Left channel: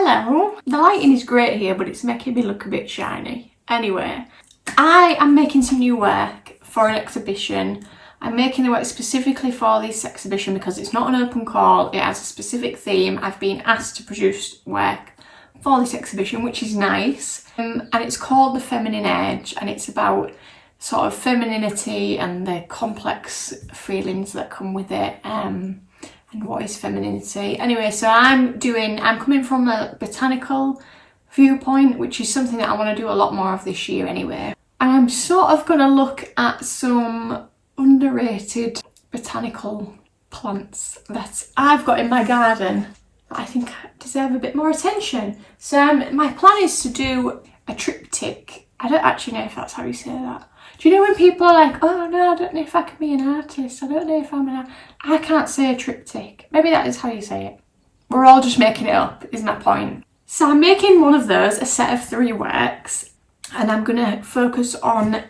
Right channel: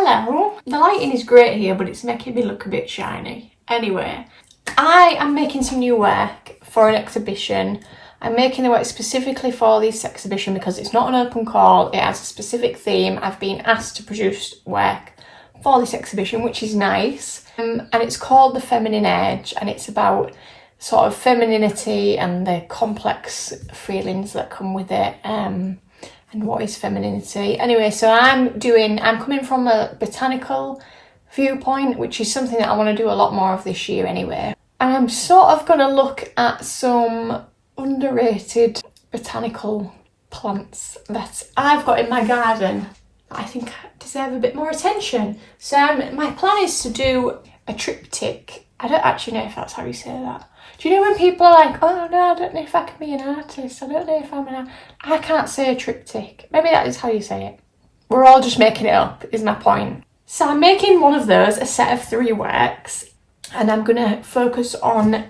Hello. The lighting is great here, but it's making me look a bit shiny. Anyway, I am making some new work for an exhibition. I'm making the work specifically for this exhibition because it's not an open call. It has a specific theme. I've been asked to produce work for this exhibition, which is nice. And it's called The Feminine Edge, and it's about sort of femininity and the complex feelings that come with it. And what is femininity. Anyway, so I'm coming from a botanical viewpoint, which is something that I want to do a lot more of this year anyway. And I'm sort of going to look at some underrated botanical plants that I've got in my garden that I think deserve a bit more attention. So my plan is to do a triptych. I don't actually know if that's how you say that. Do you know when people are like, oh no, I don't know if I can be an artist, I don't know if I can't say a triptych. Maybe that is how you say it. We're all just making it up, is my point. So I'm making one of those, a set of 3 works, and I'm gonna focus on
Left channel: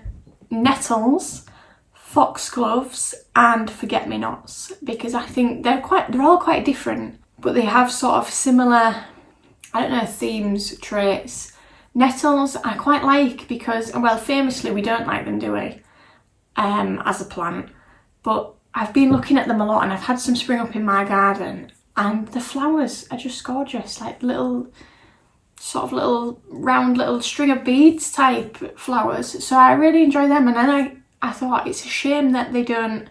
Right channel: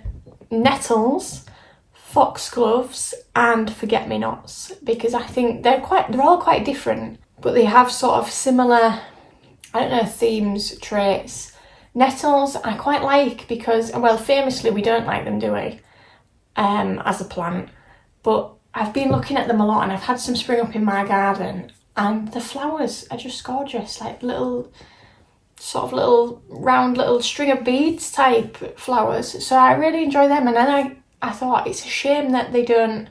nettles, foxgloves, and forget-me-nots, because I think they're all quite different, but they have sort of similar, I don't know, themes, traits. Nettles I quite like because, well, famously we don't like them, do we, as a plant, but I've been looking at them a lot and I've had some spring up in my garden and the flowers are just gorgeous, like little round little string of beads type flowers, so I really enjoy them. And then I thought it's a shame that they don't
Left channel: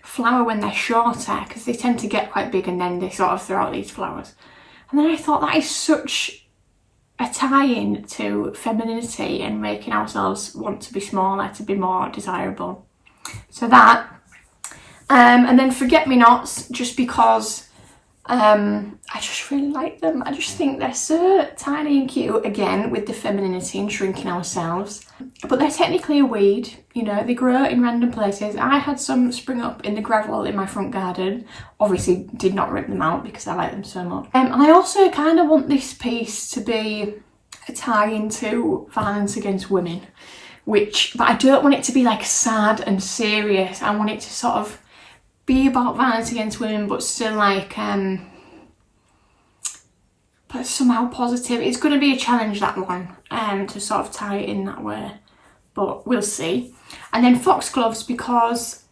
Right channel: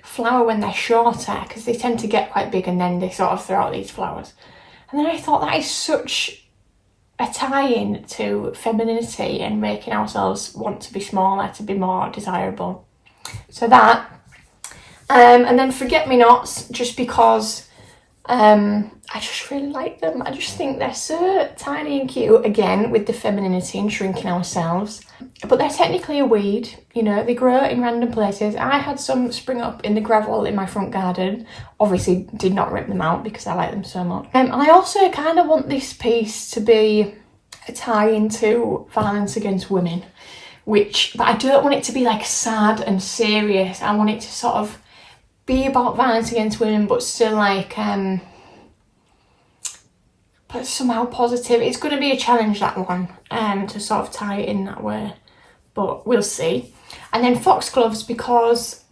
flower when they're shorter, because they tend to get quite big and then they sort of throw out these flowers. And then I thought that is such a tie-in to femininity and making ourselves want to be smaller, to be more desirable. So that, and then forget-me-nots, just because I just really like them. I just think they're so tiny and cute, again with the femininity and shrinking ourselves, but they're technically a weed, you know, they grow in random places. I had some spring up in the gravel in my front garden, obviously did not rip them out because I like them so much. And I also kind of want this piece to be a tie into violence against women, but I don't want it to be like sad and serious. I want it to sort of be about violence against women, but still like but somehow positive. It's going to be a challenge, that one, to sort of tie it in that way, but we'll see. And then foxgloves, because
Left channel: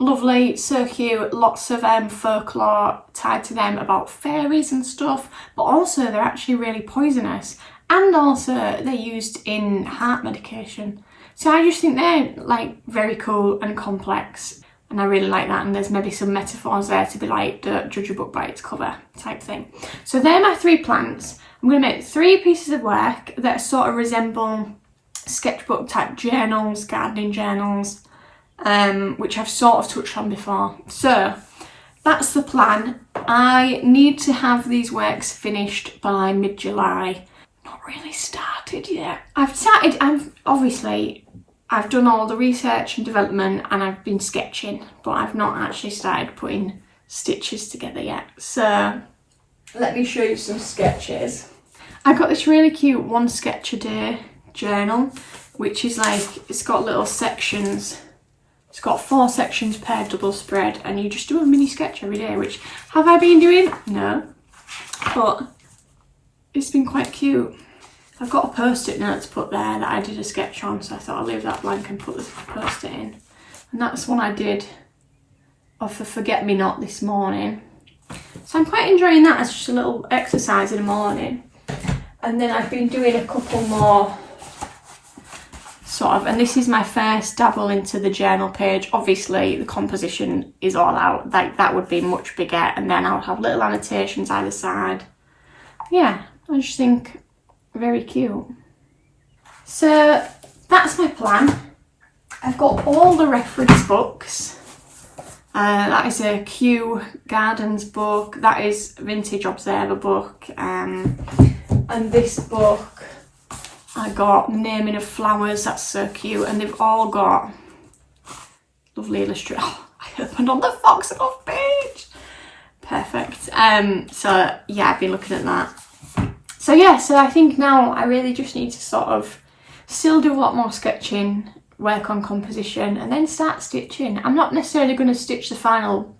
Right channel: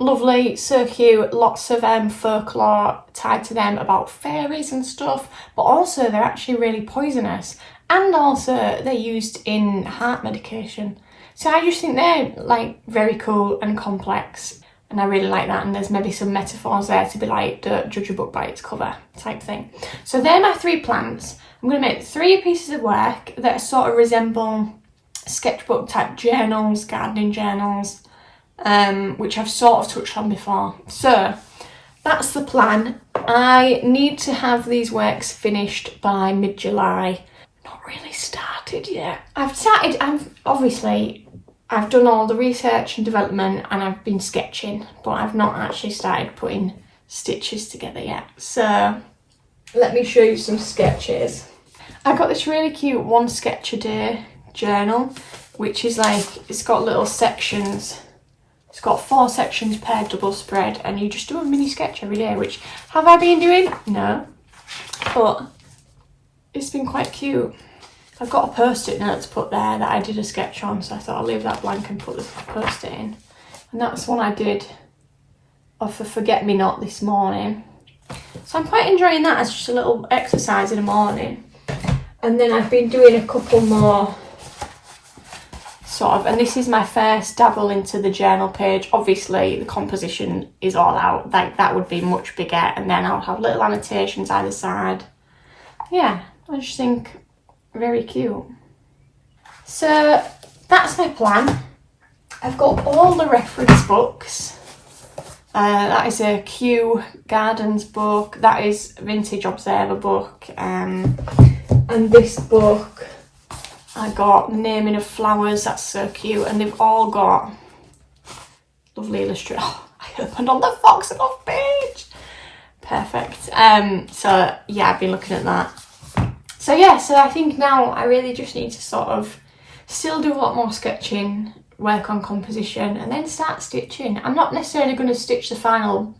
lovely, so cute, lots of folklore tied to them about fairies and stuff, but also they're actually really poisonous, and also they're used in heart medication. So I just think they're like very cool and complex, and I really like that. And there's maybe some metaphors there to be like, don't judge a book by its cover type thing. So they're my 3 plants. I'm going to make 3 pieces of work that sort of resemble sketchbook type journals, gardening journals, which I've sort of touched on before. So that's the plan. I need to have these works finished by mid-July. Not really started yet. I've done all the research and development and I've been sketching, but I've not actually started putting stitches together yet. So let me show you some sketches. I got this really cute 1 sketch a day journal, which is like, it's got little sections. It's got 4 sections per double spread, and you just do a mini sketch every day, which have I been doing? No, but it's been quite cute. I've got a post-it note to put there that I did a sketch on, so I thought I'll leave that blank and put the post-it in. And that's one I did of a forget-me-not this morning. So I'm quite enjoying that as just a little exercise in the morning. And then I've been doing a couple more sort of, and this is my first dabble into the journal page. Obviously the composition is all out, like that would be much bigger, and then I would have little annotations either side. Yeah, I just think very cute. So that's my plan. I've got all the reference books. That is a Kew Gardens book, that is Vintage Observer book, and this book I got Naming of Flowers, that's so cute, and they've all got lovely illustrations. Oh, I opened on the foxglove page. Perfect. So yeah, I've been looking at that. So yeah, so I think now I really just need to sort of still do a lot more sketching, work on composition, and then start stitching. I'm not necessarily going to stitch the final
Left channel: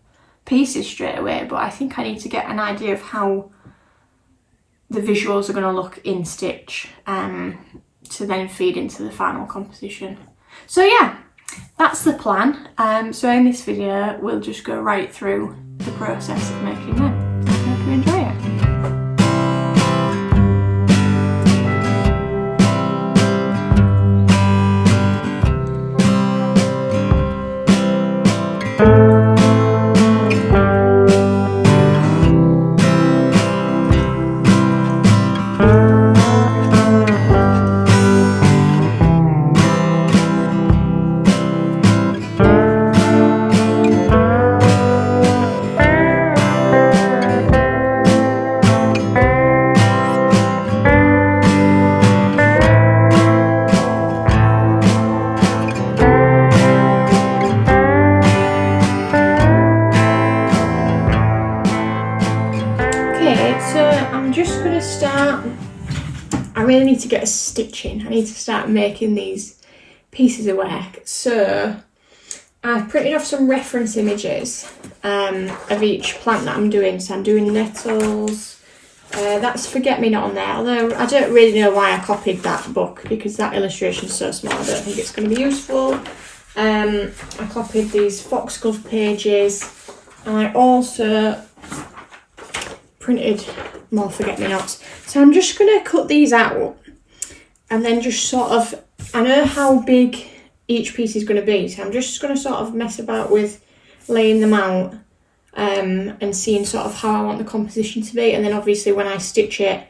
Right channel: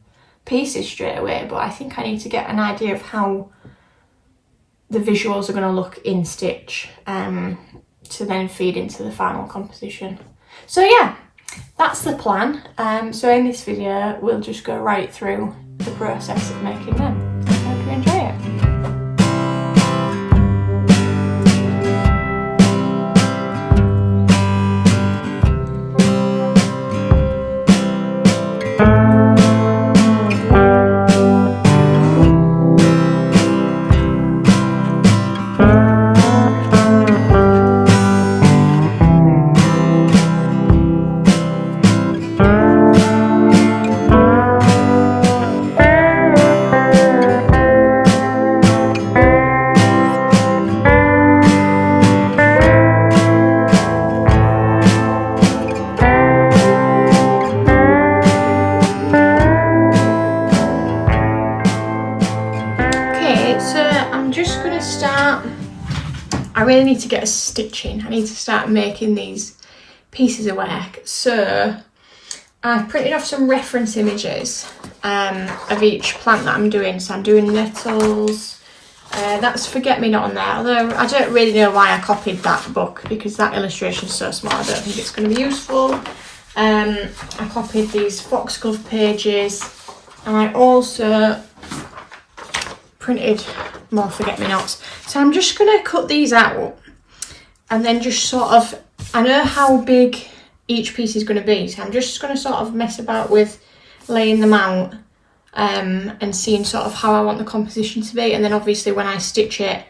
pieces straight away, but I think I need to get an idea of how the visuals are going to look in stitch to then feed into the final composition. So yeah, that's the plan. So in this video we'll just go right through the process of making them. I hope you enjoy it. I really need to get a stitching. I need to start making these pieces of work. So I've printed off some reference images of each plant that I'm doing. So I'm doing nettles. That's forget-me-not on there, although I don't really know why I copied that book because that illustration is so small I don't think it's going to be useful. I copied these foxglove pages, and I also printed more forget-me-nots. So I'm just going to cut these out and then just sort of, I know how big each piece is going to be, so I'm just going to sort of mess about with laying them out and seeing sort of how I want the composition to be, and then obviously when I stitch it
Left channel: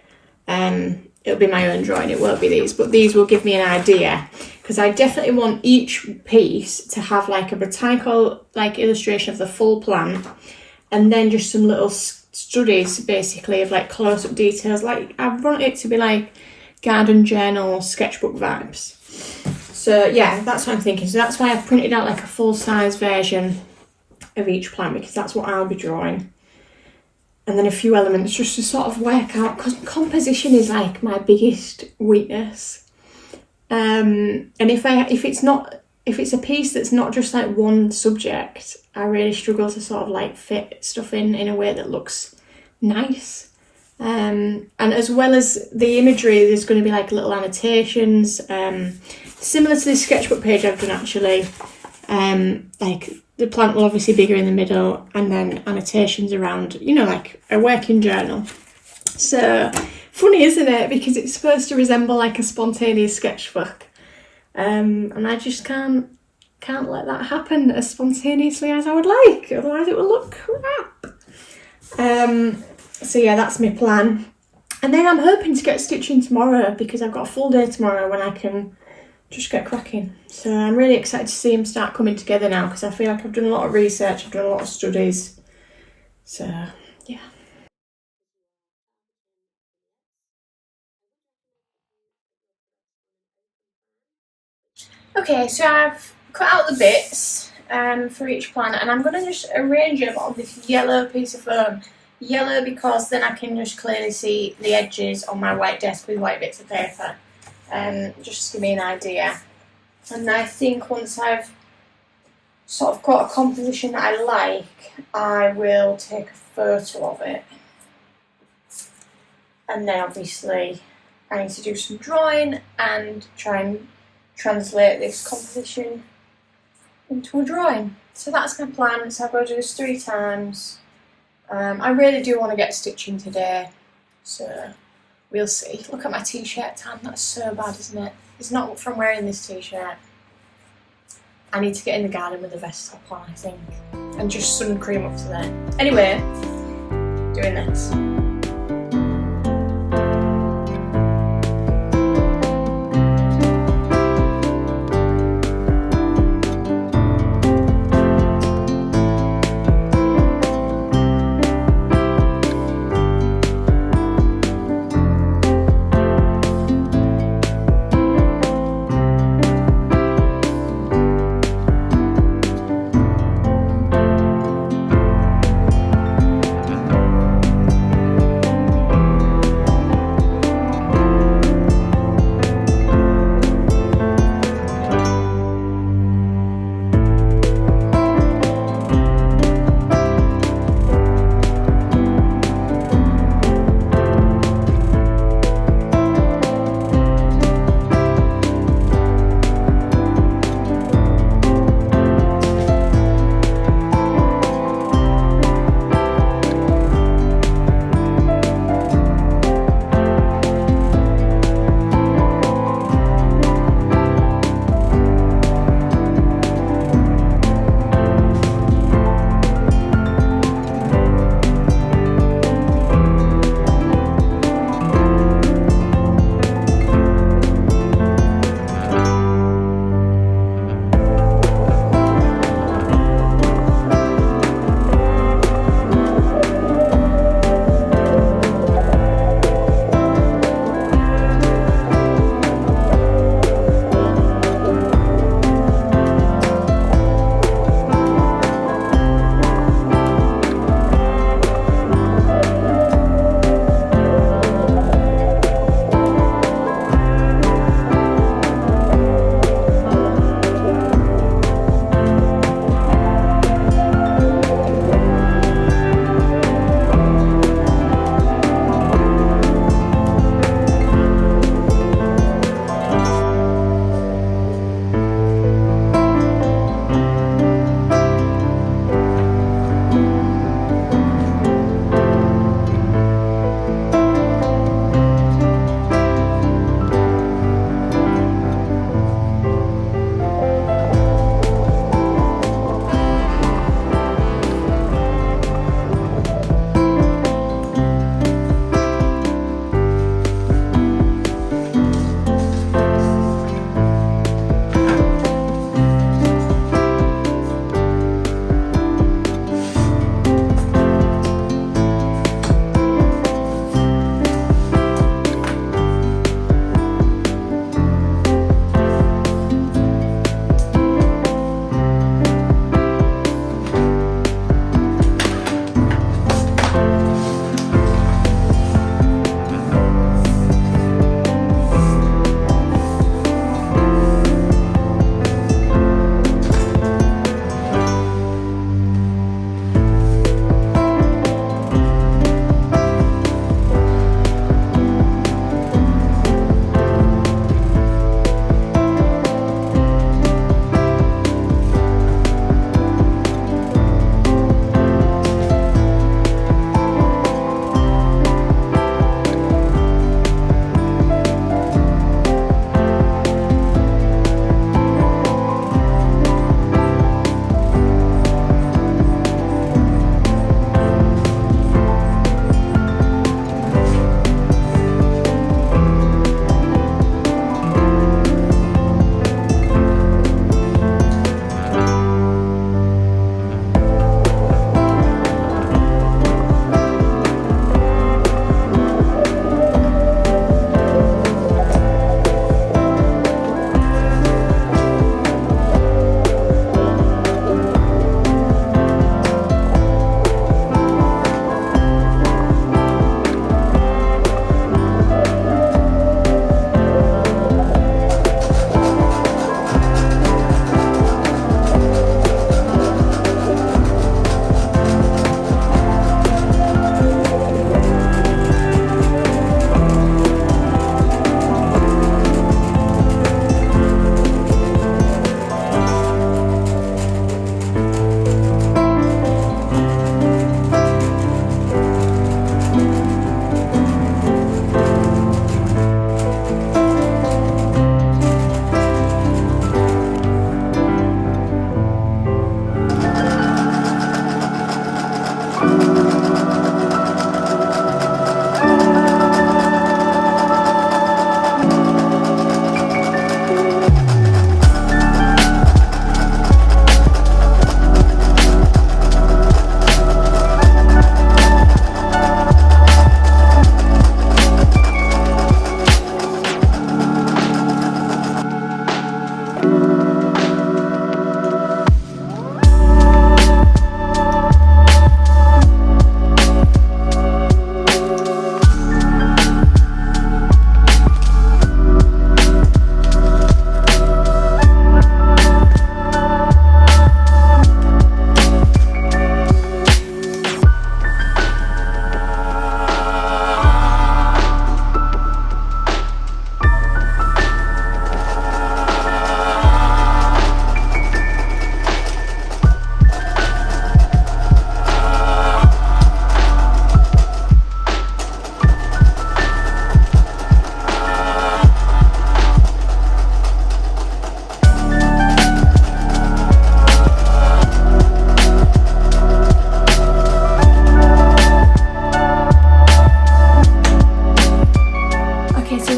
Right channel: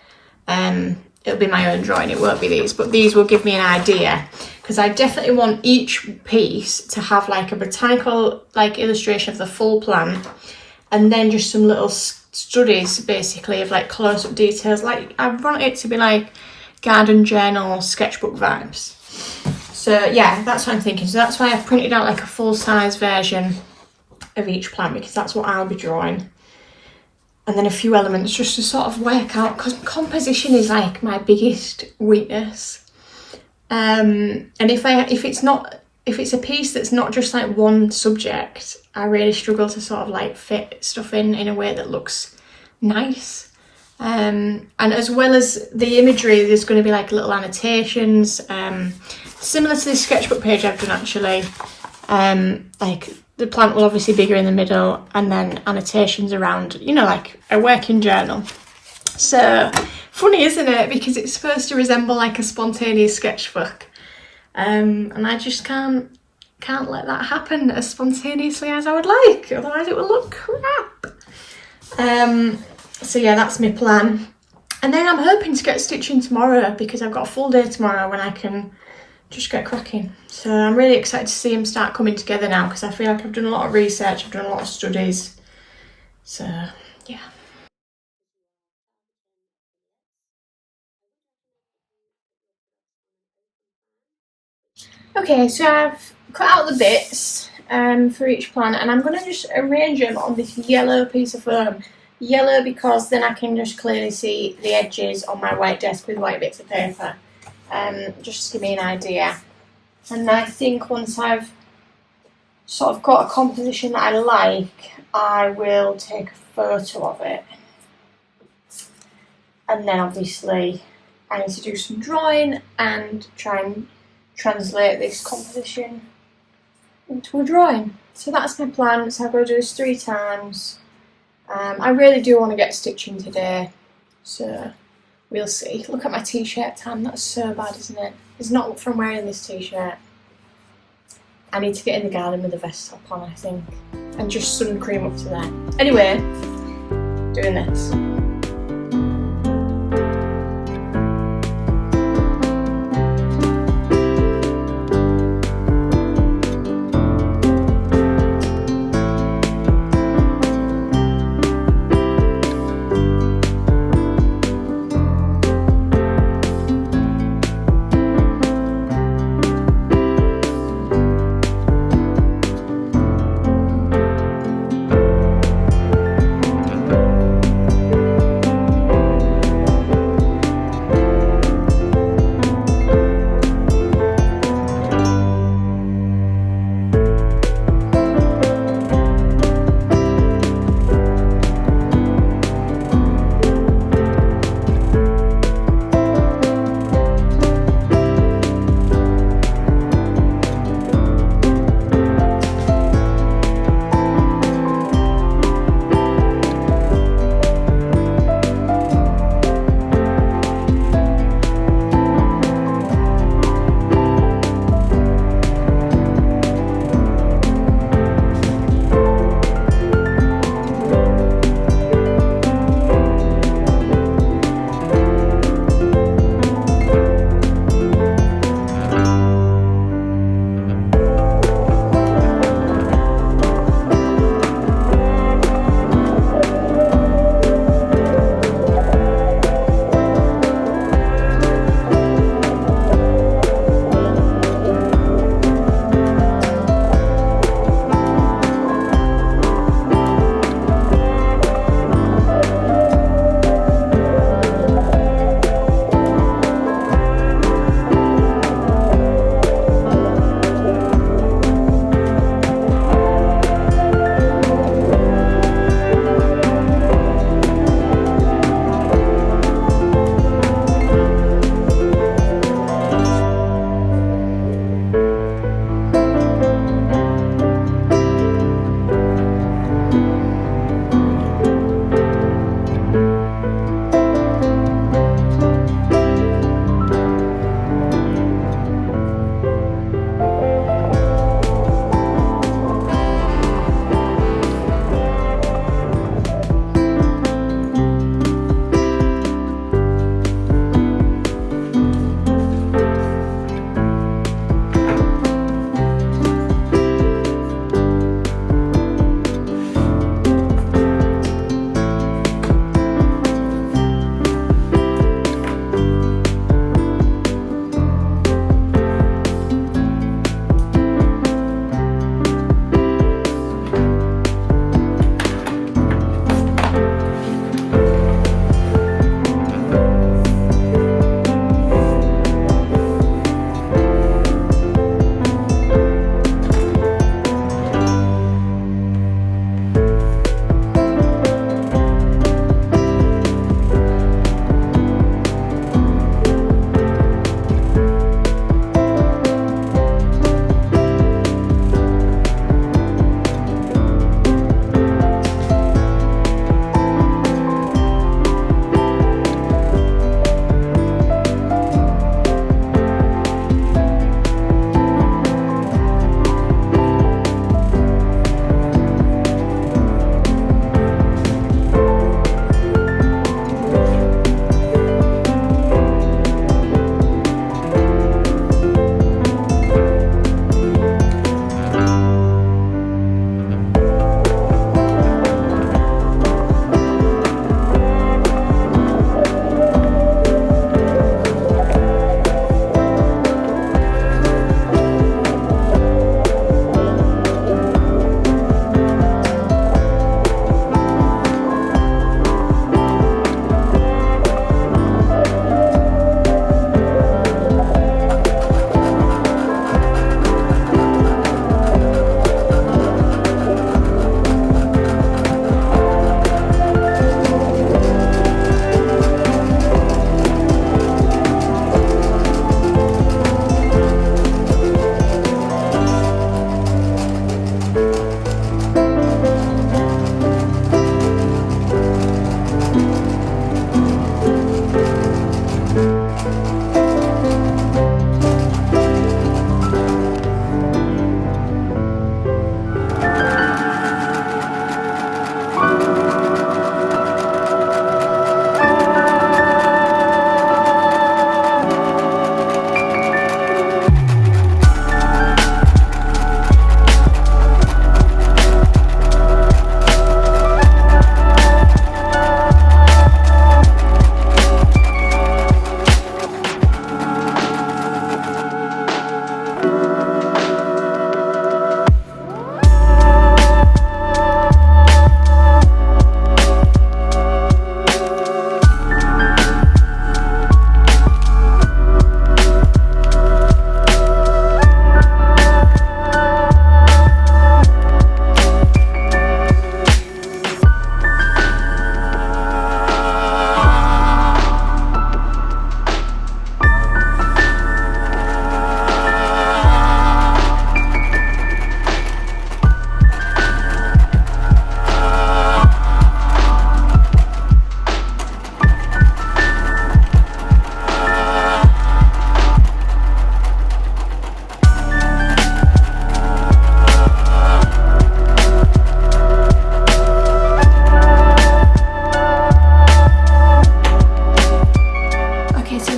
it'll be my own drawing, it won't be these, but these will give me an idea, because I definitely want each piece to have like a botanical like illustration of the full plant, and then just some little studies basically of like close-up details. Like I want it to be like garden journal sketchbook vibes. So yeah, that's what I'm thinking. So that's why I've printed out like a full-size version of each plant, because that's what I'll be drawing, and then a few elements just to sort of work out, because composition is like my biggest weakness. And if it's a piece that's not just like one subject, I really struggle to sort of like fit stuff in a way that looks nice. And as well as the imagery, there's going to be like little annotations, similar to this sketchbook page I've done actually. Like the plant will obviously be bigger in the middle, and then annotations around, you know, like a working journal. So funny, isn't it? Because it's supposed to resemble like a spontaneous sketchbook. And I just can't let that happen as spontaneously as I would like, otherwise it will look crap. So yeah, that's my plan. And then I'm hoping to get stitching tomorrow, because I've got a full day tomorrow when I can just get cracking. So I'm really excited to see them start coming together now, because I feel like I've done a lot of research, I've done a lot of studies. So yeah. Okay, so I've cut out the bits for each plant, and I'm going to just arrange them on this yellow piece of foam. Yellow because then I can just clearly see the edges on my white desk with white bits of paper, just to give me an idea. And I think once I've sort of got a composition that I like, I will take a photo of it. And then obviously I need to do some drawing and try and translate this composition into a drawing. So that's my plan. So I've got to do this 3 times. I really do want to get stitching today, so we'll see. Look at my t-shirt tan, that's so bad, isn't it? It's not from wearing this t-shirt. I need to get in the garden with a vest top on, I think, and just sun cream up to there. Anyway, doing this.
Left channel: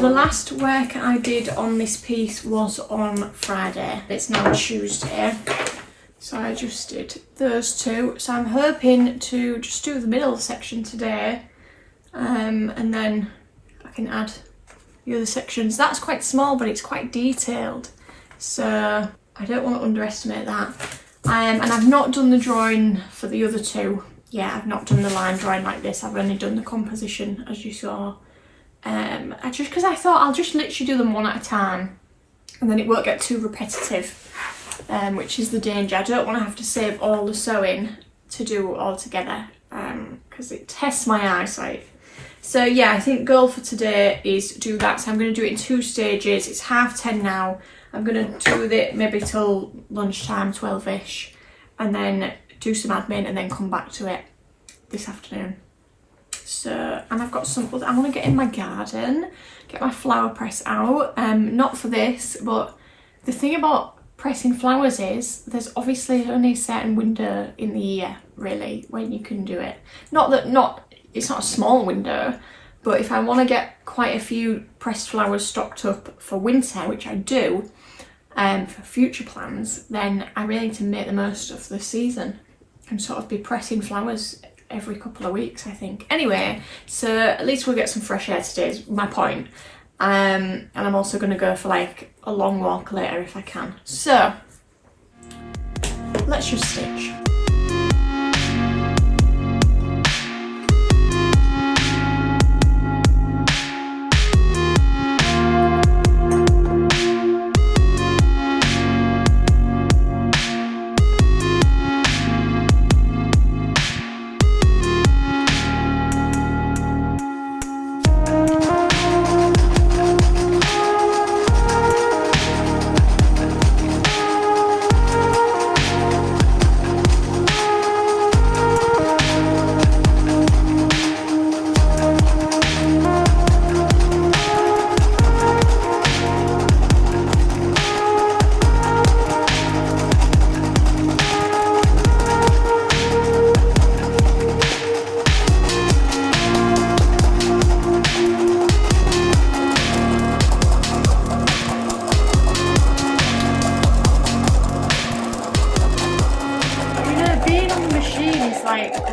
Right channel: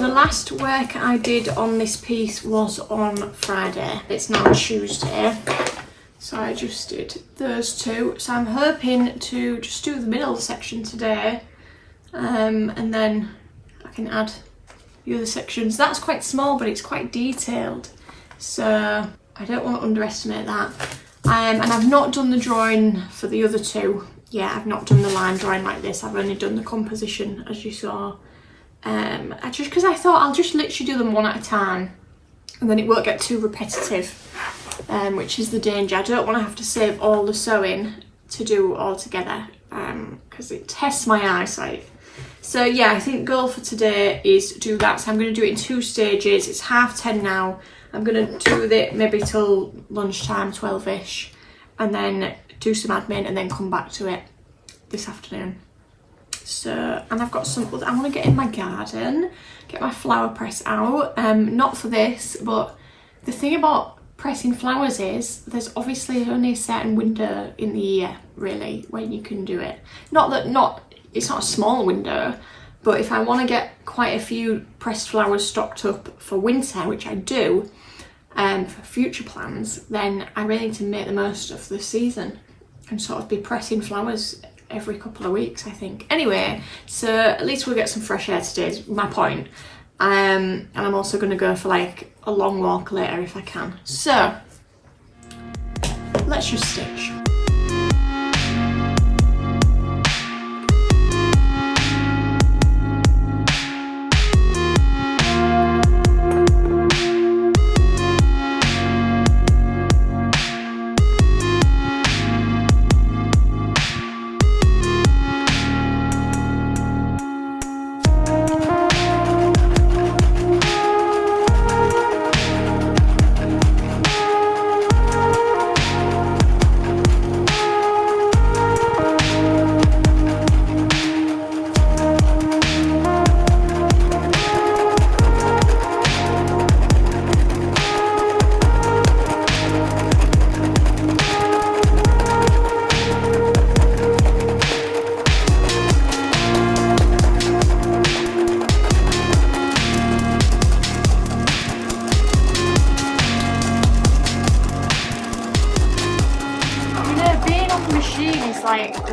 the last work I did on this piece was on Friday. It's now Tuesday, so I just did those two. So I'm hoping to just do the middle section today, and then I can add the other sections. That's quite small, but it's quite detailed, so I don't want to underestimate that. And I've not done the drawing for the other two. Yeah, I've not done the line drawing like this. I've only done the composition, as you saw. Just because I thought I'll just literally do them one at a time, and then it won't get too repetitive, which is the danger. I don't want to have to save all the sewing to do all together, because it tests my eyesight. So yeah, I think goal for today is do that. So I'm going to do it in 2 stages. It's 10:30 now. I'm going to do it maybe till lunchtime, 12ish, and then do some admin and then come back to it this afternoon. So, and I've got some other, I want to get in my garden, get my flower press out. Not for this, but the thing about pressing flowers is there's obviously only a certain window in the year, really, when you can do it. It's not a small window, but if I want to get quite a few pressed flowers stocked up for winter, which I do, for future plans, then I really need to make the most of the season and sort of be pressing flowers every couple of weeks, I think. Anyway, so at least we'll get some fresh air today is my point. And I'm also going to go for like a long walk later if I can. So let's just stitch.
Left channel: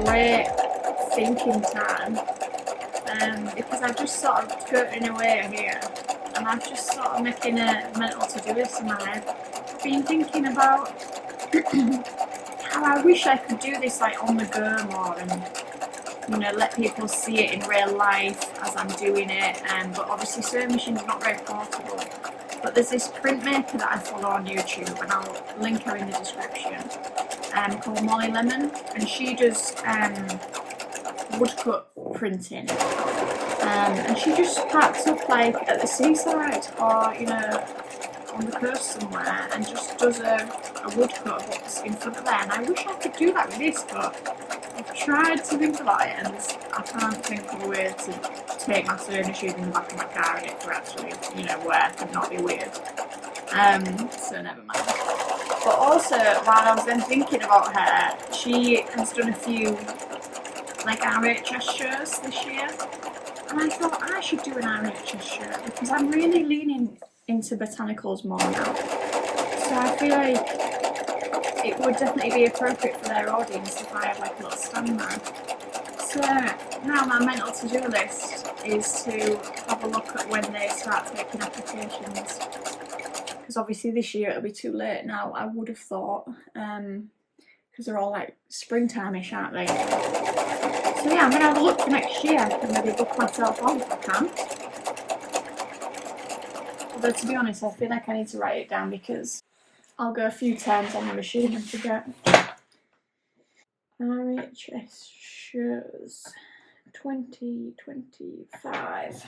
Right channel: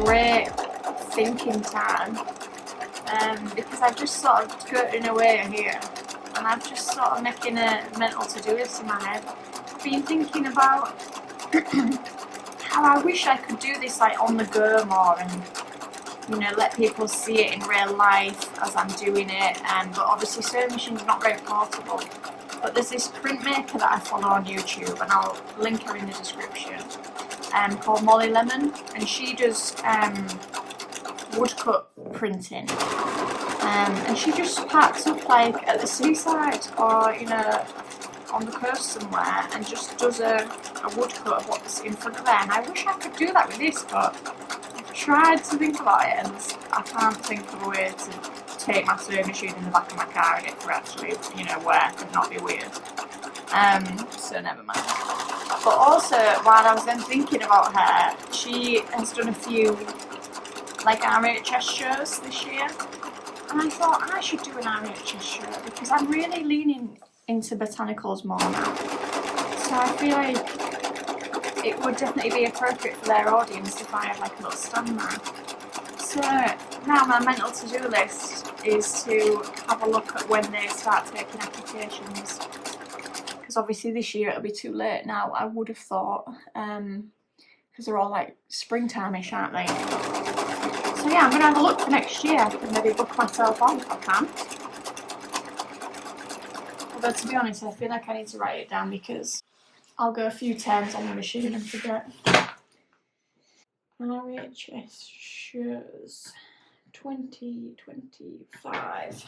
Great thinking time, because I've just sort of skirting away here, and I've just sort of making a mental to-do list in my head. I've been thinking about how I wish I could do this like on the go more, and you know, let people see it in real life as I'm doing it. But obviously sewing machine's not very portable. But there's this printmaker that I follow on YouTube, and I'll link her in the description, called Molly Lemon, and she does woodcut printing, and she just packs up like at the seaside or, you know, on the coast somewhere, and just does a woodcut of what's in front of her. And I wish I could do that with this, but I've tried to think about it and I can't think of a way to take my sewing machine in the back of my car and it for actually, you know, work and not be weird. So never mind. But also, while I was then thinking about her, she has done a few like RHS shows this year, and I thought I should do an RHS show because I'm really leaning into botanicals more now. So I feel like it would definitely be appropriate for their audience if I had like a little stand there. So now my mental to-do list is to have a look at when they start taking applications. Because obviously this year it'll be too late now, I would have thought, because they're all like springtime-ish, aren't they? So yeah, I'm going to have a look for next year and maybe book myself on if I can. Although to be honest, I feel like I need to write it down because I'll go a few turns on the machine and forget. RHS shows 2025.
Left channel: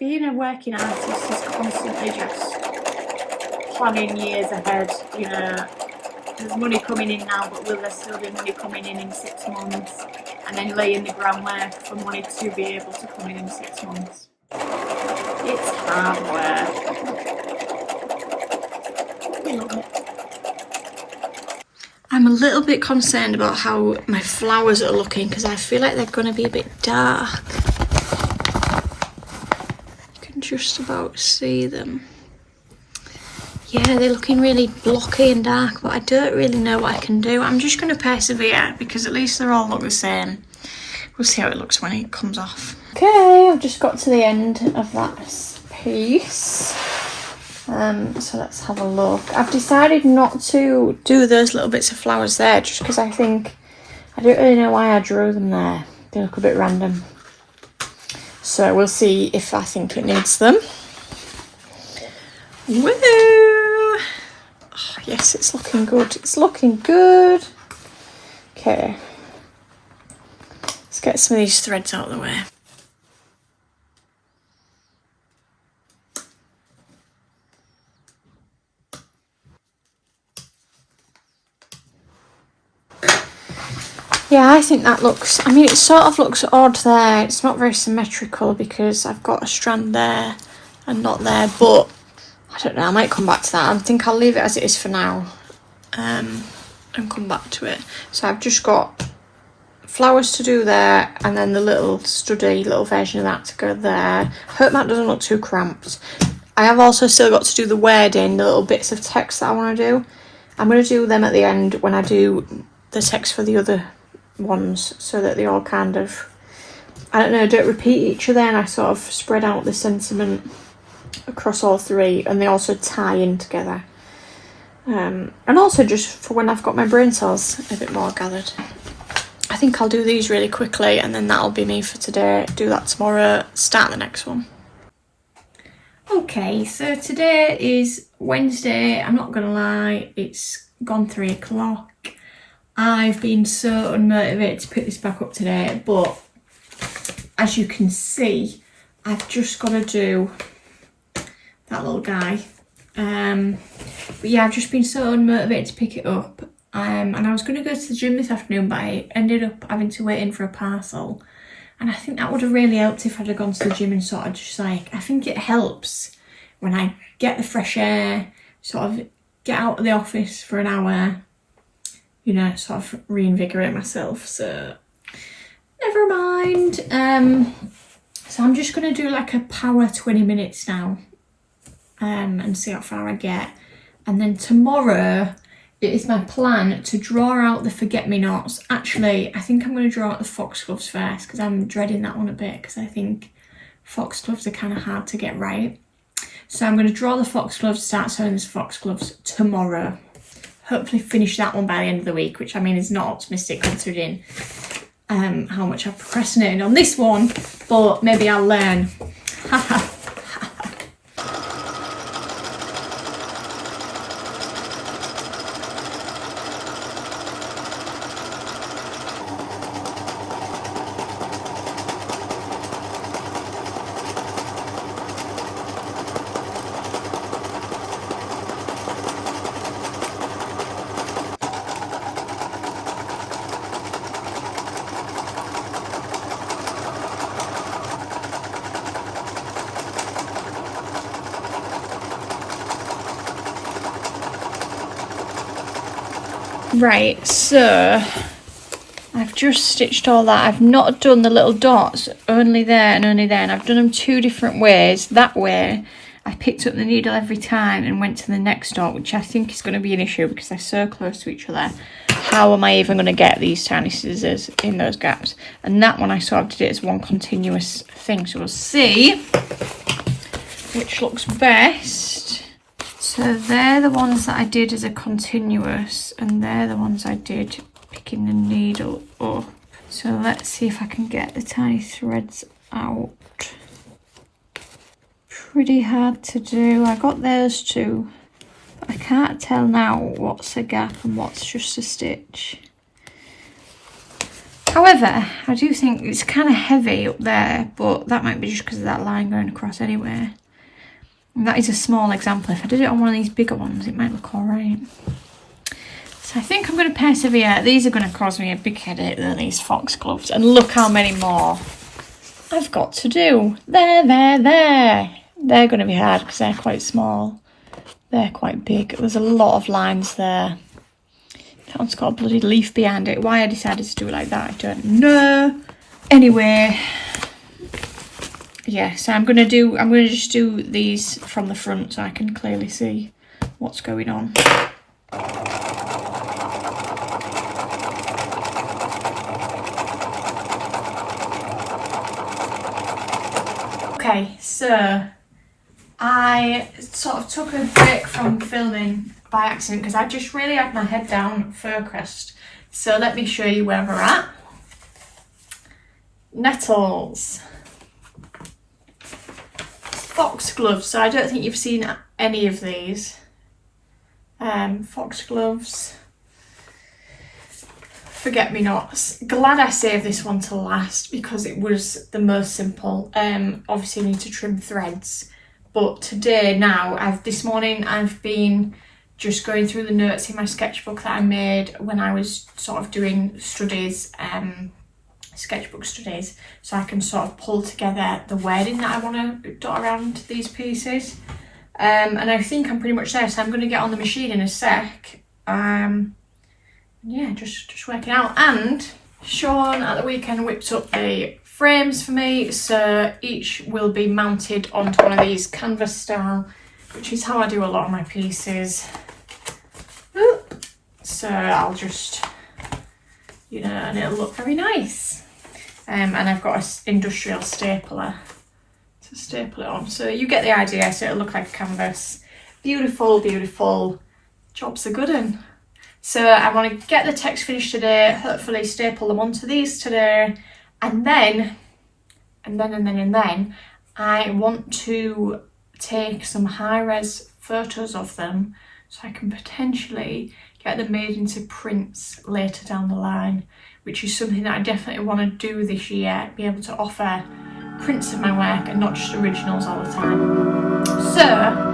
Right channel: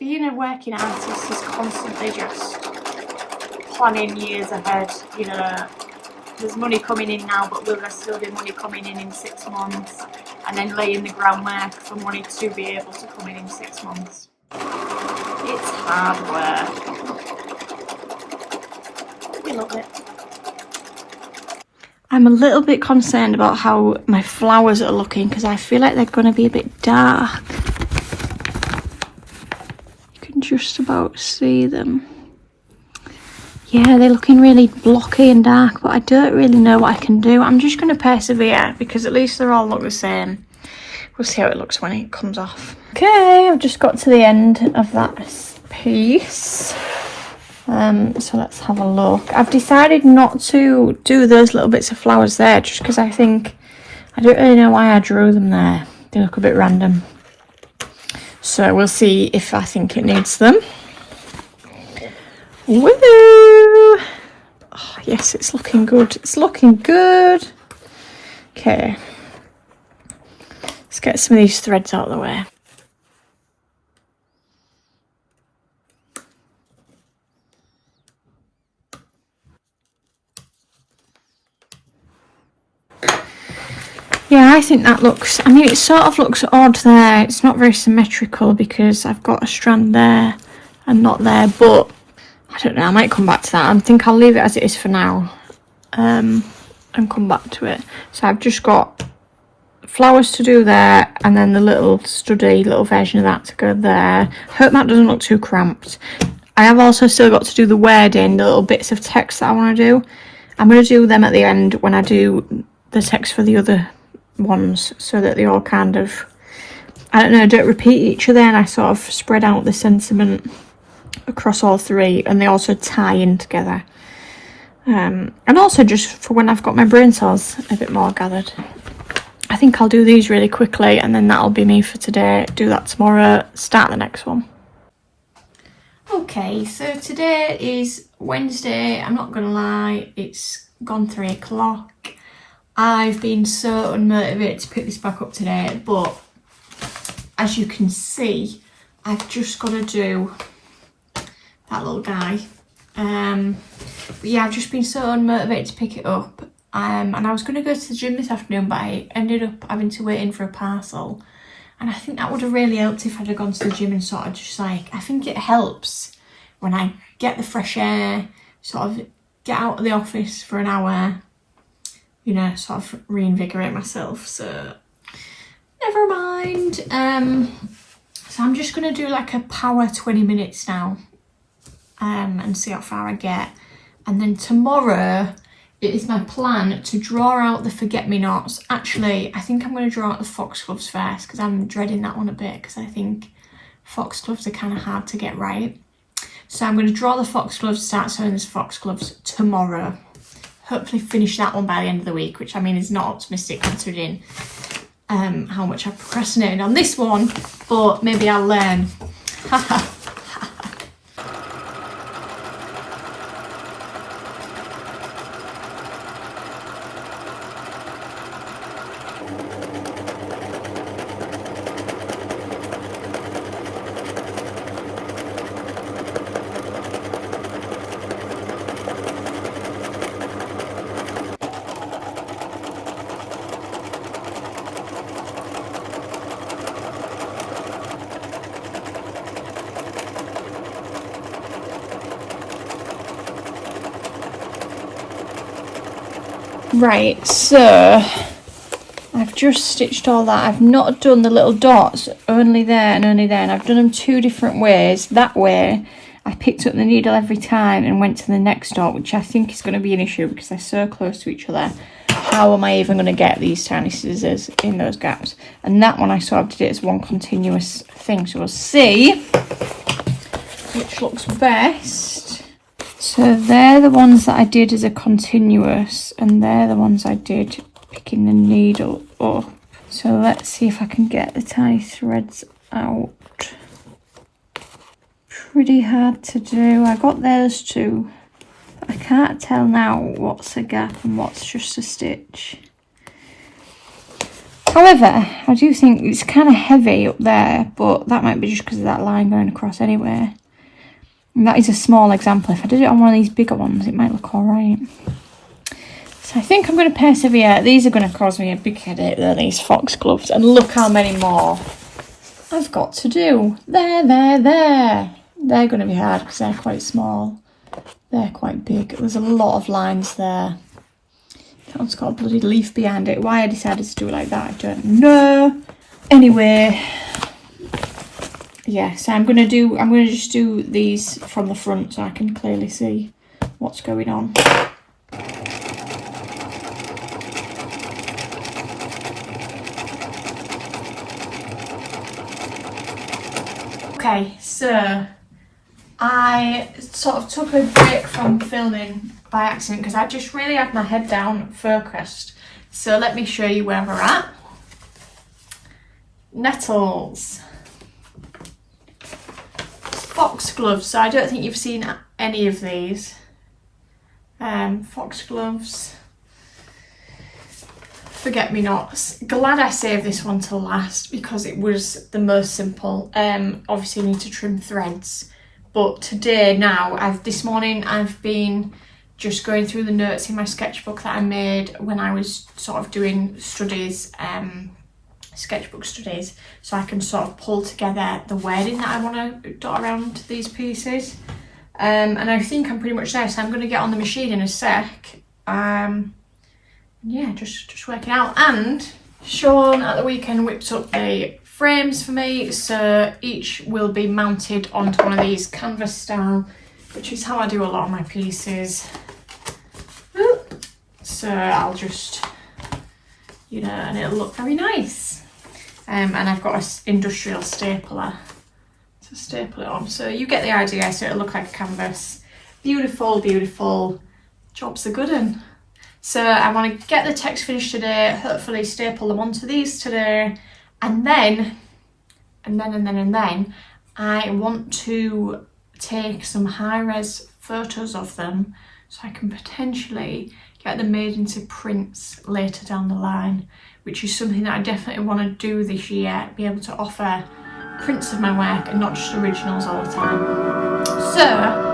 Being a working artist is constantly just planning years ahead, you know. There's money coming in now, but will there still be money coming in 6 months? And then laying the groundwork for money to be able to come in 6 months. It's hard work. We love it. I'm a little bit concerned about how my flowers are looking because I feel like they're going to be a bit dark. just about see them. Yeah, they're looking really blocky and dark, but I don't really know what I can do. I'm just going to persevere because at least they all look the same. We'll see how it looks when it comes off. Okay, I've just got to the end of that piece. So let's have a look. I've decided not to do those little bits of flowers there just because I think, I don't really know why I drew them there. They look a bit random. So we'll see if I think it needs them. Woo! Oh, yes, it's looking good. It's looking good. Okay. Let's get some of these threads out of the way. Yeah, I think that looks, I mean, it sort of looks odd there. It's not very symmetrical because I've got a strand there and not there, but I don't know, I might come back to that. I think I'll leave it as it is for now and come back to it. So I've just got flowers to do there and then the little study, little version of that to go there. Hope that doesn't look too cramped. I have also still got to do the wording, the little bits of text that I want to do. I'm going to do them at the end when I do the text for the other ones so that they all kind of, I don't know, don't repeat each other, and I sort of spread out the sentiment across all three and they also tie in together. And also just for when I've got my brain cells a bit more gathered. I think I'll do these really quickly and then that'll be me for today. Do that tomorrow, start the next one. Okay, so today is Wednesday. I'm not gonna lie, it's gone 3 o'clock. I've been so unmotivated to pick this back up today, but as you can see, I've just got to do that little guy. But yeah, I've just been so unmotivated to pick it up. And I was going to go to the gym this afternoon, but I ended up having to wait in for a parcel. And I think that would have really helped if I'd have gone to the gym and sort of just like, I think it helps when I get the fresh air, sort of get out of the office for an hour, you know, sort of reinvigorate myself. So never mind. So I'm just going to do like a power 20 minutes now and see how far I get. And then tomorrow it is my plan to draw out the forget-me-nots. Actually, I think I'm going to draw out the foxgloves first because I'm dreading that one a bit because I think foxgloves are kind of hard to get right. So I'm going to draw the foxgloves, start sewing these foxgloves tomorrow. Hopefully finish that one by the end of the week, which I mean is not optimistic considering how much I've procrastinated on this one, but maybe I'll learn. Right, so I've just stitched all that. I've not done the little dots, only there and only there, and I've done them 2 different ways. That way I picked up the needle every time and went to the next dot, which I think is going to be an issue because they're so close to each other. How am I even going to get these tiny scissors in those gaps? And that one I sort of did it as one continuous thing, so we'll see which looks best. So they're the ones that I did as a continuous, and they're the ones I did picking the needle up. So let's see if I can get the tiny threads out. Pretty hard to do. I got those 2, but I can't tell now what's a gap and what's just a stitch. However, I do think it's kind of heavy up there, but that might be just because of that line going across anyway. And that is a small example. If I did it on one of these bigger ones, it might look alright. So I think I'm going to persevere. These are going to cause me a big headache though, these foxgloves. And look how many more I've got to do. There. They're going to be hard because they're quite small. They're quite big. There's a lot of lines there. That one's got a bloody leaf behind it. Why I decided to do it like that, I don't know. Anyway, yeah, so I'm gonna just do these from the front so I can clearly see what's going on. Okay, so I sort of took a break from filming by accident because I just really had my head down focused. So let me show you where we're at. Nettles. Foxgloves. So I don't think you've seen any of these. Foxgloves. Forget-me-nots. Glad I saved this one till last because it was the most simple. Obviously you need to trim threads. But today this morning I've been just going through the notes in my sketchbook that I made when I was sort of doing studies, sketchbook studies, so I can sort of pull together the wording that I want to dot around these pieces. And I think I'm pretty much there, so I'm going to get on the machine in a sec. Yeah, just working out. And Sean at the weekend whipped up the frames for me, so each will be mounted onto one of these canvas style, which is how I do a lot of my pieces. So I'll just, you know, and it'll look very nice. And I've got an industrial stapler to staple it on, so you get the idea. So it'll look like a canvas. Beautiful, beautiful. Job's a good one. So I want to get the text finished today, hopefully staple them onto these today, and then I want to take some high-res photos of them so I can potentially get them made into prints later down the line, which is something that I definitely want to do this year, be able to offer prints of my work and not just originals all the time. So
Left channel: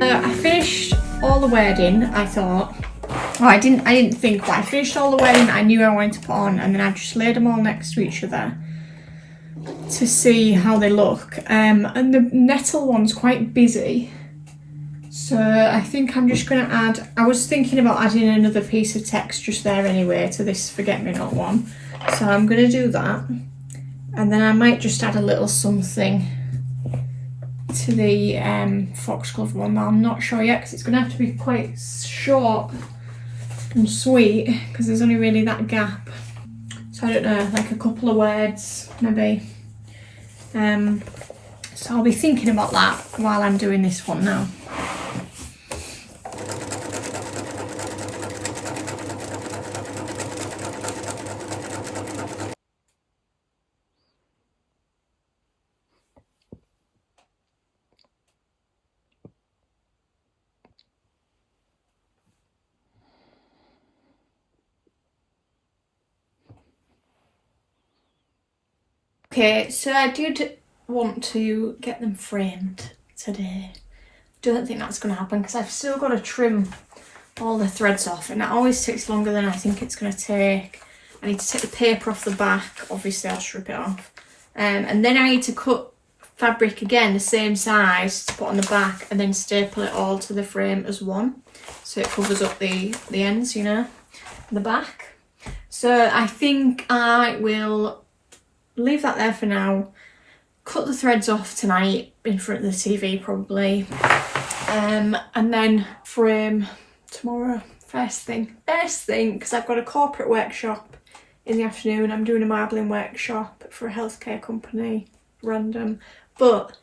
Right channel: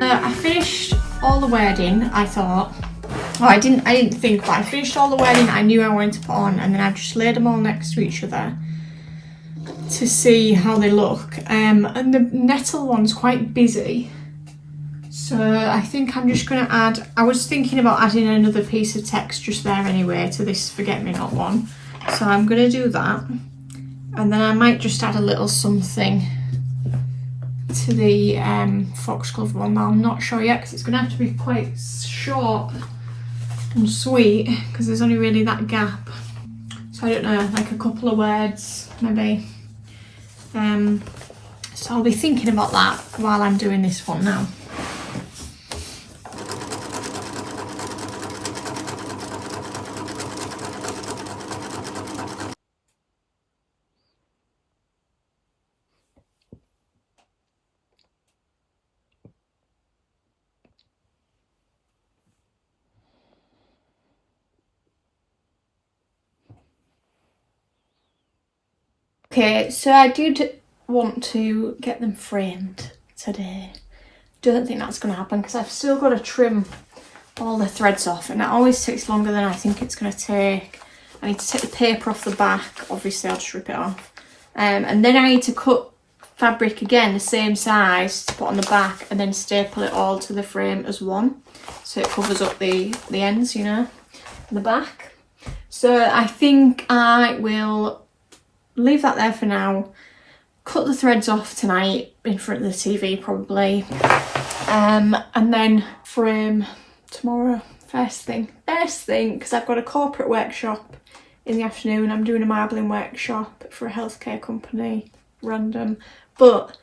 I finished all the wording, I thought. Oh, I didn't think, but I finished all the wording I knew I wanted to put on, and then I just laid them all next to each other to see how they look. And the nettle one's quite busy, so I think I'm just going to add, I was thinking about adding another piece of text just there anyway to this forget-me-not one, so I'm going to do that, and then I might just add a little something to the foxglove one. I'm not sure yet because it's going to have to be quite short and sweet because there's only really that gap, so I don't know, like a couple of words maybe. So I'll be thinking about that while I'm doing this one now. Okay, so I did want to get them framed today. Don't think that's going to happen because I've still got to trim all the threads off, and that always takes longer than I think it's going to take. I need to take the paper off the back, obviously I'll just rip it off. And then I need to cut fabric again, the same size, to put on the back, and then staple it all to the frame as one. So it covers up the ends, you know, the back. So I think I will leave that there for now. Cut the threads off tonight in front of the TV probably. And then frame tomorrow, first thing, because I've got a corporate workshop in the afternoon. I'm doing a marbling workshop for a healthcare company, random. But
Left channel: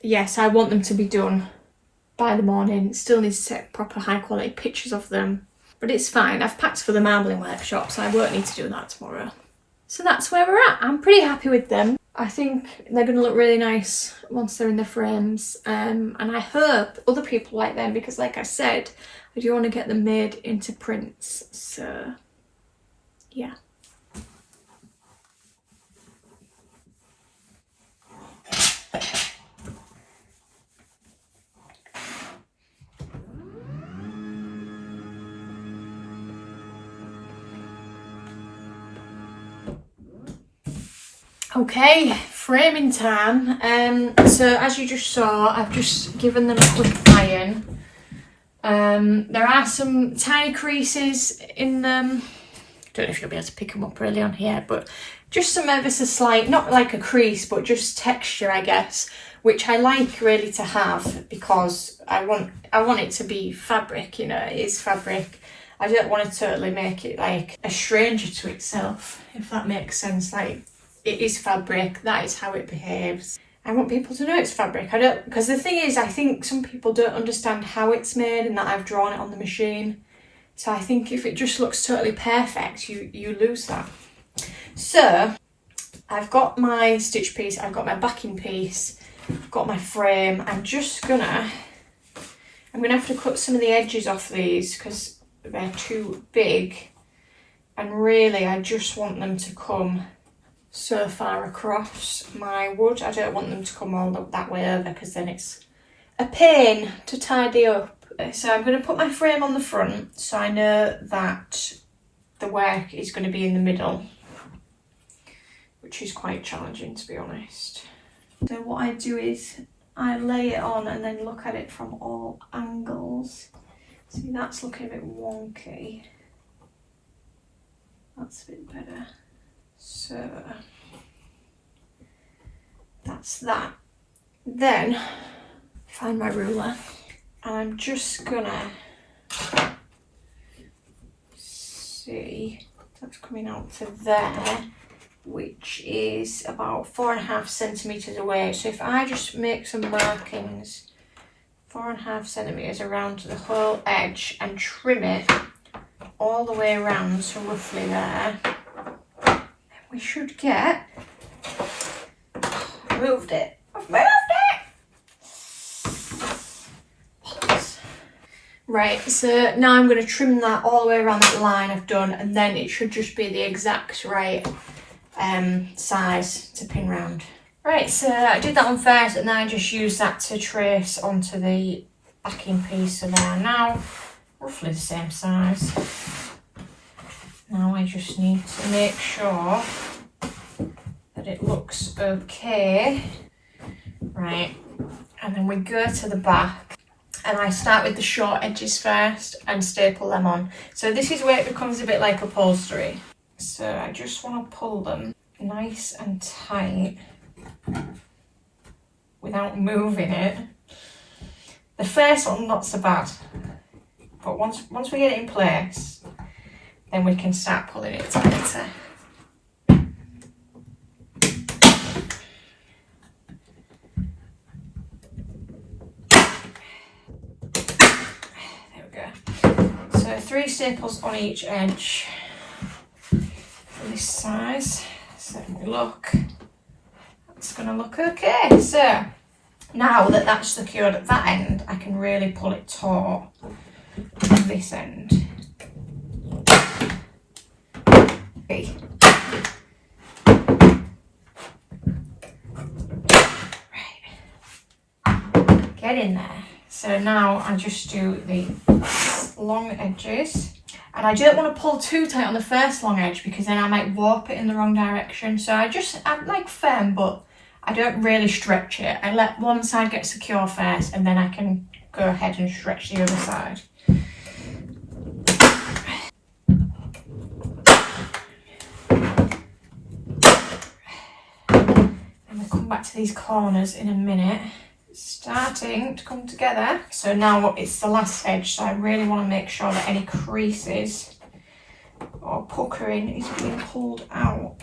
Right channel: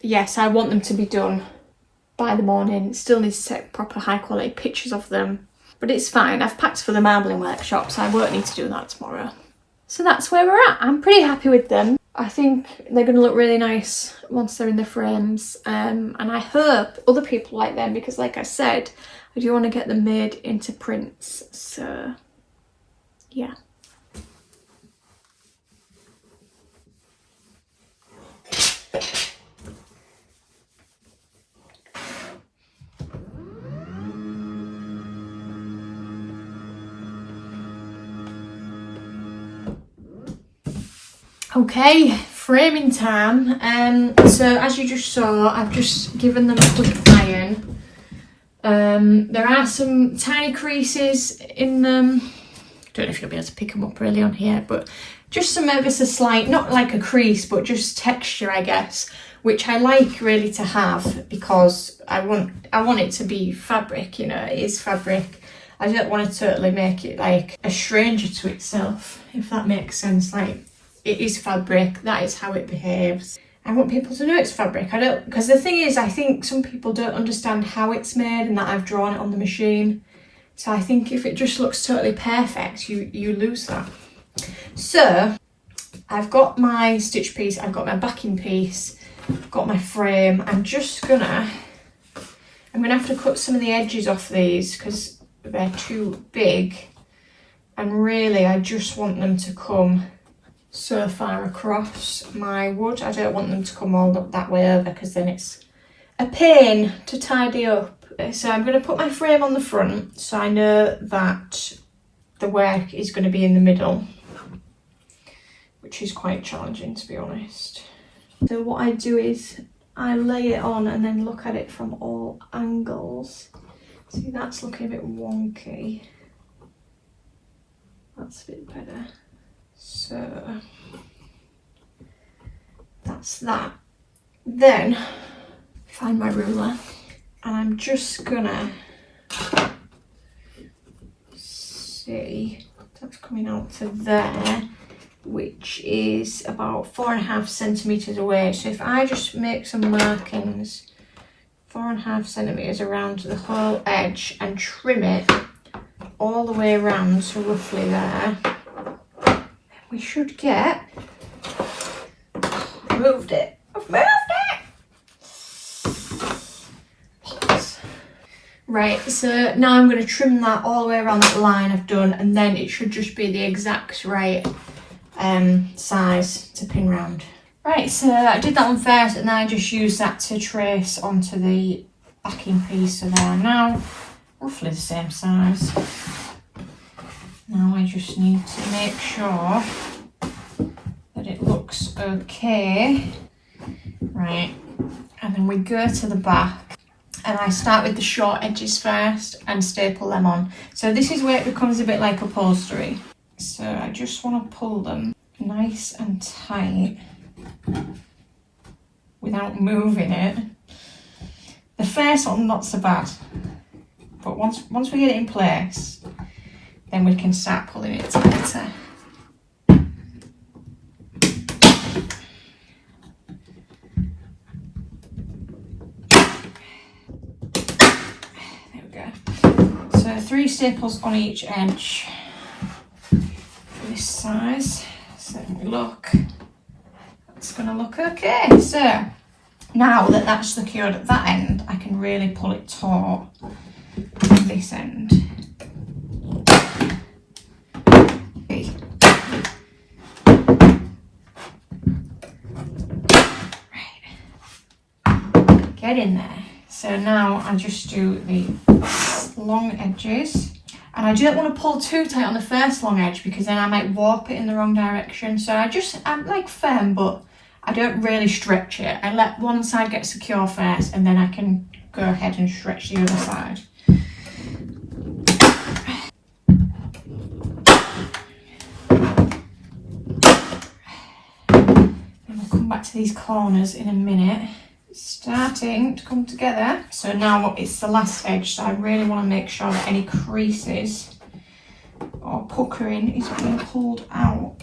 yes, I want them to be done by the morning. Still need to take proper high quality pictures of them, but it's fine. I've packed for the marbling workshop, so I won't need to do that tomorrow. So that's where we're at. I'm pretty happy with them. I think they're going to look really nice once they're in the frames, and I hope other people like them, because like I said, I do want to get them made into prints. So yeah. Okay, framing time. So as you just saw, I've just given them a quick iron. There are some tiny creases in them. Don't know if you'll be able to pick them up really on here, but just some ever so slight, not like a crease, but just texture, I guess, which I like really to have, because I want it to be fabric, you know, it is fabric. I don't want to totally make it like a stranger to itself, if that makes sense. Like, it is fabric, that is how it behaves. I want people to know it's fabric. Because the thing is, I think some people don't understand how it's made and that I've drawn it on the machine. So I think if it just looks totally perfect, you lose that. So I've got my stitch piece, I've got my backing piece, I've got my frame. I'm gonna have to cut some of the edges off these because they're too big. And really, I just want them to come so far across my wood. I don't want them to come all up that way over, because then it's a pain to tidy up. So I'm going to put my frame on the front, so I know that the work is going to be in the middle, which is quite challenging, to be honest. So what I do is I lay it on and then look at it from all angles. See, that's looking a bit wonky. That's a bit better. So that's that. Then find my ruler, and I'm just gonna see that's coming out to there, which is about 4.5 centimeters away. So if I just make some markings 4.5 centimeters around the whole edge and trim it all the way around, so roughly there, we should get, I've moved it. Right, so now I'm going to trim that all the way around that line I've done, and then it should just be the exact right size to pin round. Right, so I did that one first, and then I just used that to trace onto the backing piece. So they are now roughly the same size. Now I just need to make sure that it looks okay. Right, and then we go to the back, and I start with the short edges first and staple them on. So this is where it becomes a bit like upholstery. So I just want to pull them nice and tight without moving it. The first one, not so bad, but once we get it in place, then we can start pulling it tighter. There we go. So 3 staples on each edge for this size. So look, it's going to look okay. So now that that's secured at that end, I can really pull it taut at this end. Okay. head in there. So now I just do the long edges. And I don't want to pull too tight on the first long edge because then I might warp it in the wrong direction. So I'm like firm, but I don't really stretch it. I let one side get secure first and then I can go ahead and stretch the other side. And we'll come back to these corners in a minute. It's starting to come together. So now it's the last edge, so I really want to make sure that any creases or puckering is being pulled out.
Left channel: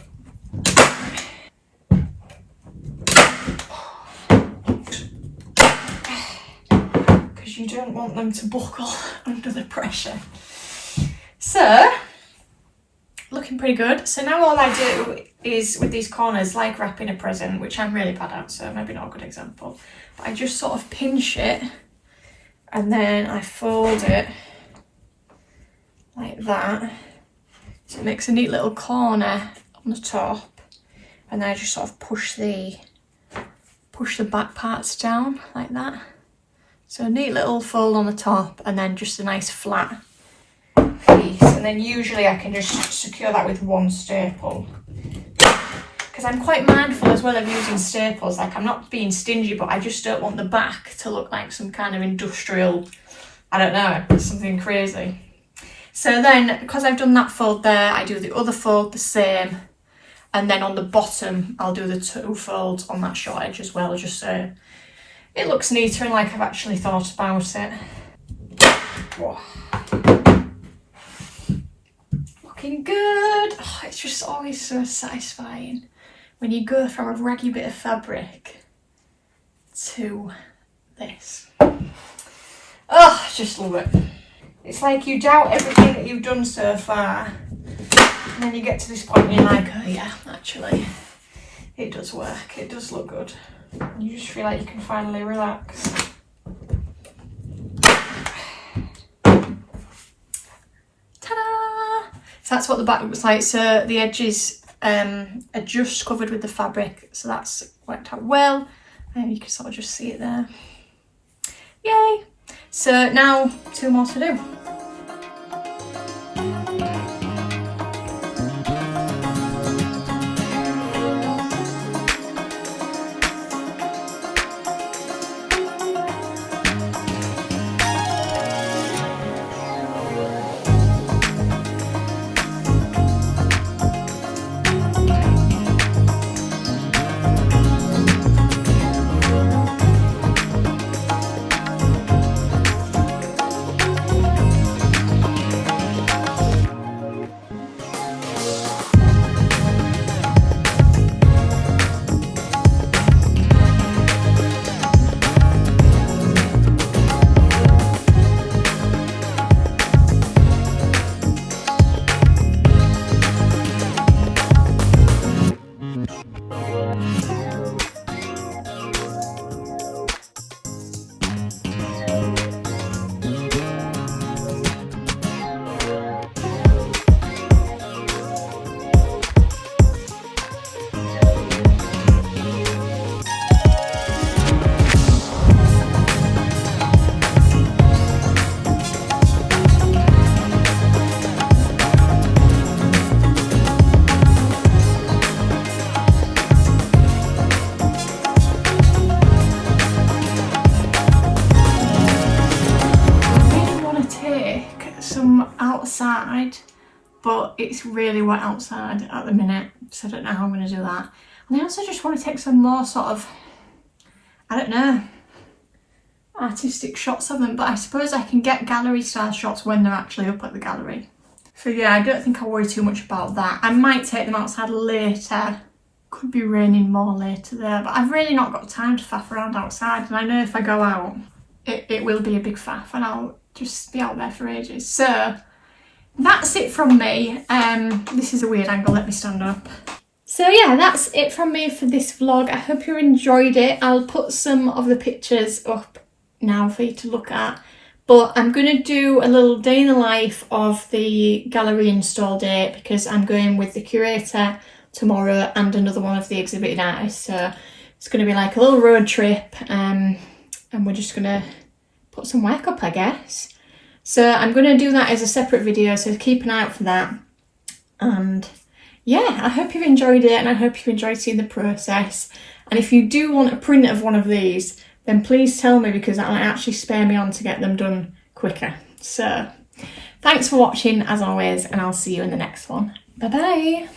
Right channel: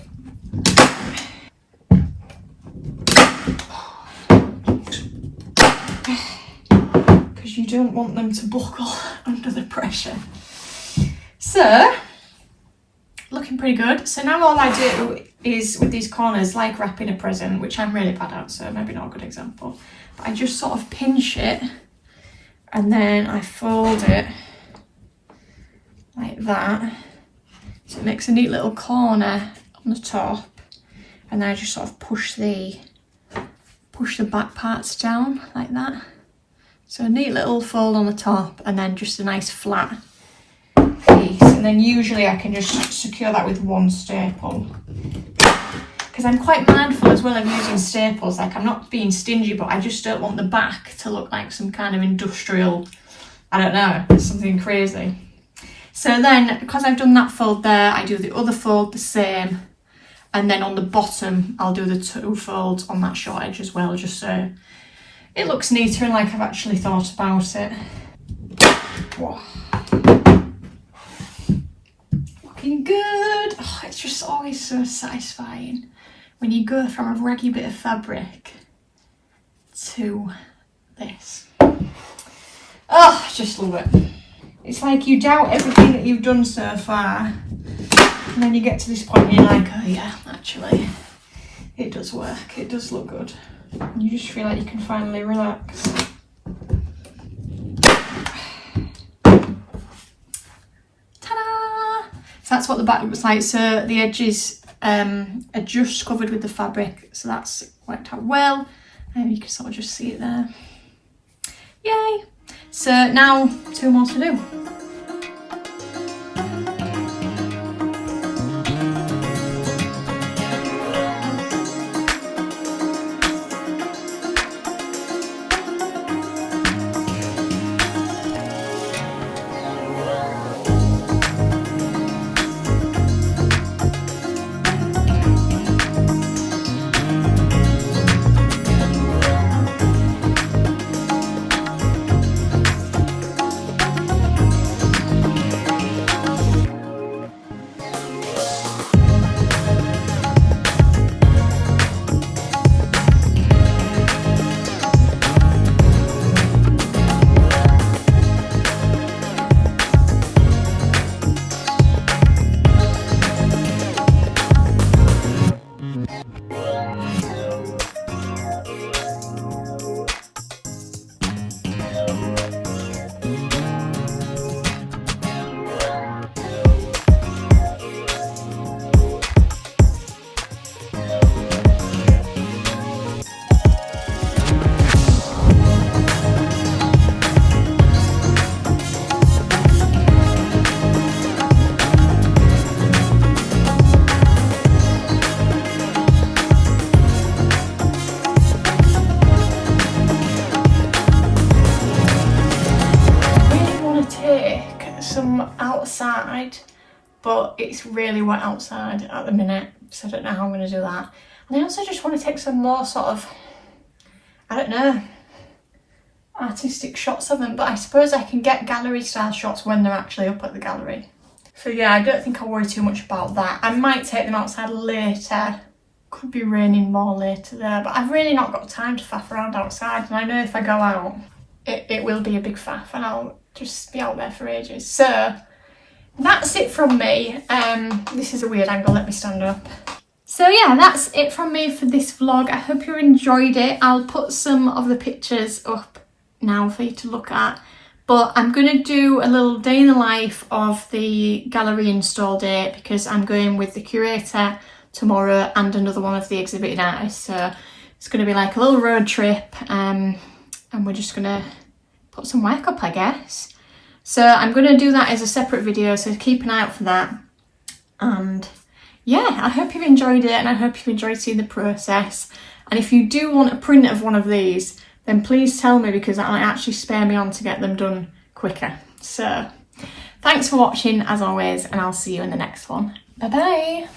Because you don't want them to buckle under the pressure. So, looking pretty good. So now all I do is, with these corners, like wrapping a present, which I'm really bad at, so maybe not a good example, but I just sort of pinch it and then I fold it like that. So it makes a neat little corner on the top, and then I just sort of push the back parts down like that. So a neat little fold on the top and then just a nice flat piece. And then usually I can just secure that with one staple. Because I'm quite mindful as well of using staples. Like, I'm not being stingy, but I just don't want the back to look like some kind of industrial, I don't know, something crazy. So then, because I've done that fold there, I do the other fold the same. And then on the bottom, I'll do the 2 folds on that short edge as well, just so it looks neater and like I've actually thought about it. Whoa. Looking good. Oh, it's just always so satisfying when you go from a raggy bit of fabric to this. Oh, I just love it. It's like you doubt everything that you've done so far, and then you get to this point and you're like, oh yeah, actually, it does work, it does look good. And you just feel like you can finally relax. Ta-da! So that's what the back looks like. So the edges are just covered with the fabric, so that's worked out well. You can sort of just see it there. Yay! So now 2 more to do. Outside, but it's really wet outside at the minute, so I don't know how I'm going to do that. And I also just want to take some more sort of, I don't know, artistic shots of them, but I suppose I can get gallery style shots when they're actually up at the gallery. So yeah, I don't think I'll worry too much about that. I might take them outside later. Could be raining more later there, but I've really not got time to faff around outside, and I know if I go out it will be a big faff and I'll just be out there for ages. So that's it from me. This is a weird angle, let me stand up. So yeah, that's it from me for this vlog. I hope you enjoyed it. I'll put some of the pictures up now for you to look at, but I'm going to do a little day in the life of the gallery install day because I'm going with the curator tomorrow and another one of the exhibiting artists, so it's going to be like a little road trip. and we're just gonna put some work up, I guess. So I'm gonna do that as a separate video, so keep an eye out for that. And yeah, I hope you've enjoyed it, and I hope you've enjoyed seeing the process. And if you do want a print of one of these, then please tell me, because that might actually spur me on to get them done quicker. So thanks for watching as always, and I'll see you in the next one. Bye bye.